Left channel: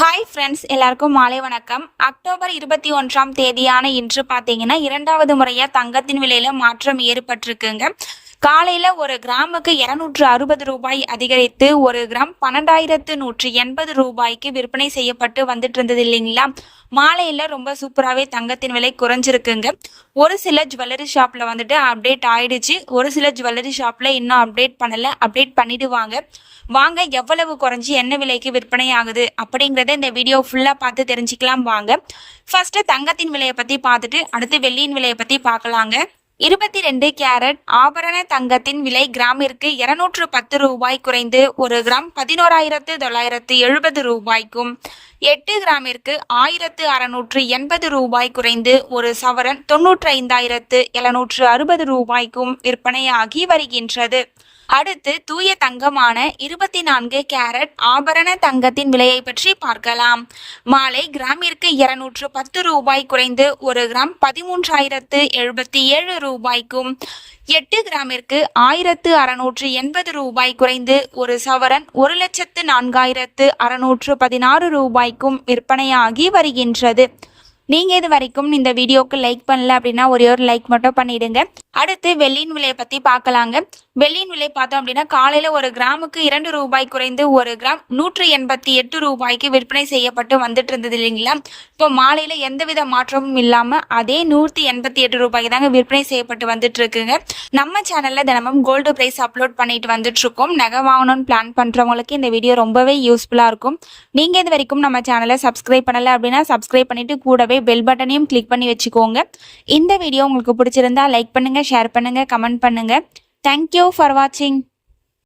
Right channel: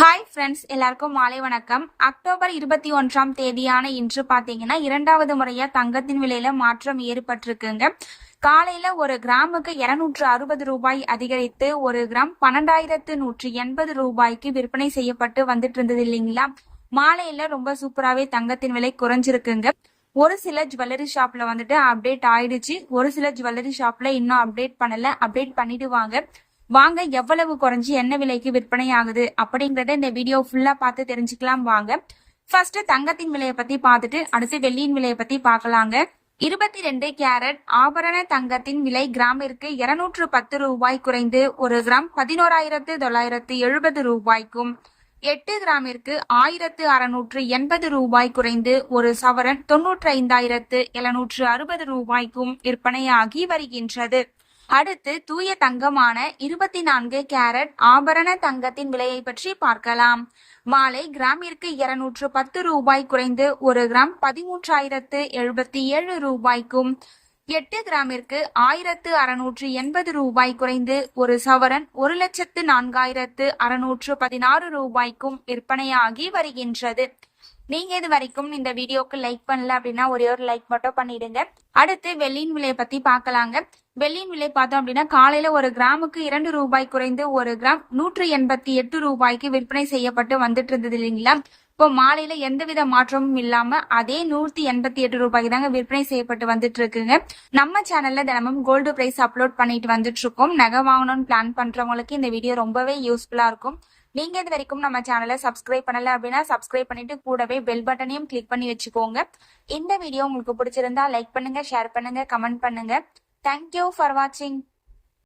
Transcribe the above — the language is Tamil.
ஹாய் ஃப்ரெண்ட்ஸ், எல்லாருக்கும் மாலை வணக்கம். அக்டோபர் 21ஆம் தேதியான இன்று பார்த்தீங்கன்னா இரண்டாவது முறையாக தங்கத்தின் விலையில மாற்றம் ஏற்பட்டிருக்குங்க. காலையில ஒரு கிராமுக்கு 260 ரூபாய் அதிகரித்து ஒரு கிராம் 12,180 ரூபாய்க்கு விற்பனை செய்யப்பட்டு வந்துட்டு இருந்தது இல்லைங்களா. மாலையில ரொம்ப சூப்பராகவே தங்கத்தின் விலை குறைஞ்சிருக்குங்க. ஒரு சில ஜுவல்லரி ஷாப்ல வந்துட்டு அப்டேட் ஆயிடுச்சு, ஒரு சில ஜுவல்லரி ஷாப்ல இன்னும் அப்டேட் பண்ணல. அப்டேட் பண்ணிடுவாங்க. வாங்க எவ்வளவு குறைஞ்சி என்ன விலைக்கு விற்பனை ஆகுது அப்படிங்கறத இந்த வீடியோ ஃபுல்லா பார்த்து தெரிஞ்சுக்கலாம் வாங்க. ஃபர்ஸ்ட் தங்கத்தின் விலையை பத்தி பார்த்துட்டு அடுத்து வெள்ளியின் விலையை பத்தி பார்க்கலாங்க. 22 கேரட் ஆபரண தங்கத்தின் விலை கிராமிற்கு 210 ரூபாய் குறைந்து ஒரு கிராம் 11,970 ரூபாய்க்கும், 8 கிராமிற்கு 1,680 ரூபாய் குறைந்து ஒரு சவரன் 95,760 ரூபாய்க்கும் விற்பனையாகி வருகின்றது. அடுத்து தூய தங்கமான 24 கேரட் ஆபரண தங்கத்தின் விலையை பற்றி பார்க்கலாம். மாலை கிராமிற்கு 210 ரூபாய் குறைந்து ஒரு கிராம் 13,077 ரூபாய்க்கும், 8 கிராமிற்கு 1,680 ரூபாய் குறைந்து ஒரு சவரன் 1,04,616 ரூபாய்க்கும் விற்பனையாகி வருகின்றது. நீங்க இது வரைக்கும் இந்த வீடியோக்கு லைக் பண்ணல அப்படின்னா ஒரே ஒரு லைக் மட்டும் பண்ணிடுங்க. அடுத்து வெள்ளியின் விலையை பத்தி பார்க்கலாங்க. வெள்ளியின் விலை பார்த்தோம் அப்படின்னா காலையில ஒரு கிராமுக்கு 2 ரூபாய் குறைந்து ஒரு கிராம் 188 ரூபாய்க்கு விற்பனை செய்யப்பட்டு வந்துட்டு இருந்தது இல்லைங்களா. இப்போ மாலையில எந்தவித மாற்றமும் இல்லாம அதே 188 ரூபாய்க்கு தாங்க விற்பனை செய்யப்பட்டு வந்துட்டு இருக்குங்க. நம்ம சேனல்ல தினமும் கோல்டு பிரைஸ் அப்லோட் பண்ணிட்டு வந்துட்டு இருக்கோம். நகை வாங்கணும்னு பிளான் பண்றவங்களுக்கு இந்த வீடியோ ரொம்பவே யூஸ்ஃபுல்லா இருக்கும். நீங்க இது வரைக்கும் நம்ம சேனலை சப்ஸ்கிரைப் பண்ணல அப்படின்னா சப்ஸ்கிரைப் பண்ணிட்டு கூடவே பெல் பட்டனையும் கிளிக் பண்ணி வச்சுக்கோங்க. இந்த வீடியோ உங்களுக்கு பிடிச்சிருந்தா லைக் பண்ணுங்க, ஷேர் பண்ணுங்க, கமெண்ட் பண்ணுங்க. Thank you for watching.